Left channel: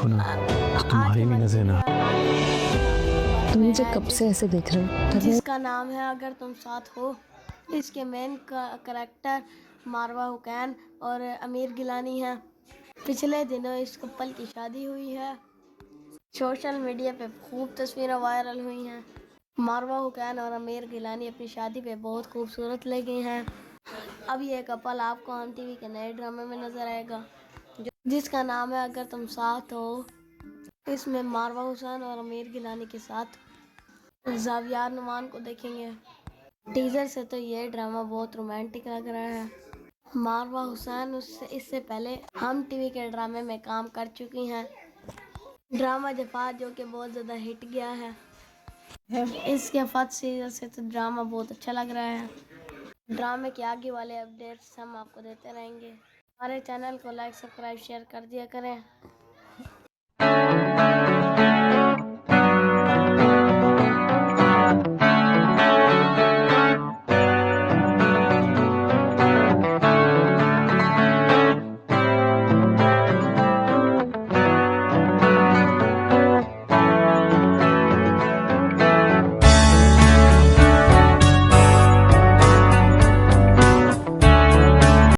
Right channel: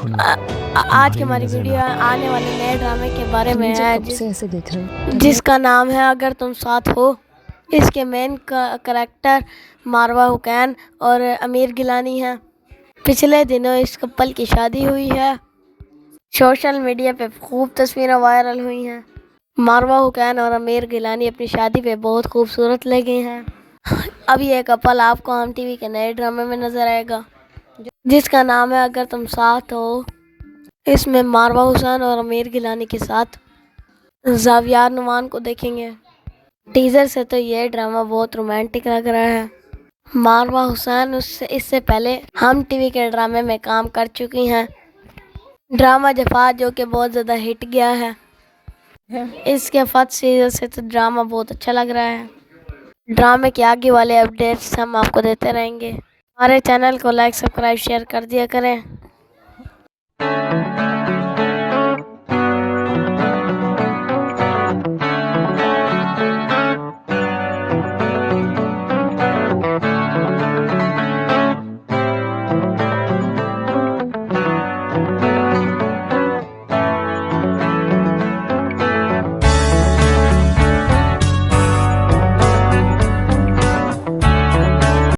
देखो ना, आज की तुम्हारी भी हमारी नजर वीडियो ना। आने वाले नए ड्रामे के बारे तुम में मुझे है कब से ऐसे देख रहे हो? जिसका नाम है अगर तुम साथ हो। इसके मेन करेक्टर मारवा हुसैन और आमिर गिलानी है। पिछले दिनों इस कपल की शादी हुई है। सोशल मीडिया पे खूब तस्वीरें वायरल हुई हैं। मारवा हुसैन और आमिर गिलानी अपनी शादी पे बहुत खूबसूरत लगे हैं। अब ये कपल आपको हम टीवी के नए ड्रामे में नजर आएगा जिसका नाम है अगर तुम साथ हो। इसमें मारवा हुसैन और आमिर गिलानी के साथ जावियार नुमान को देखेंगे। टीजर से तो ये ड्रामा बहुत रोमांटिक लग रहा है। मारवा हुसैन उससे इससे पहले हम टीवी के ड्रामे में काम कर चुकी हैं। ड्रामा जफा जो कि बहुत ज़्यादा हिट गया है। इसके फर्स्ट सीजन से तो ड्रामा बहुत अच्छा लग रहा है। ड्रामे के आगे वाले अपडेट्स हम आपको देते रहेंगे। हमारे चैनल को लाइक सब्सक्राइब शेयर कर दिया करें।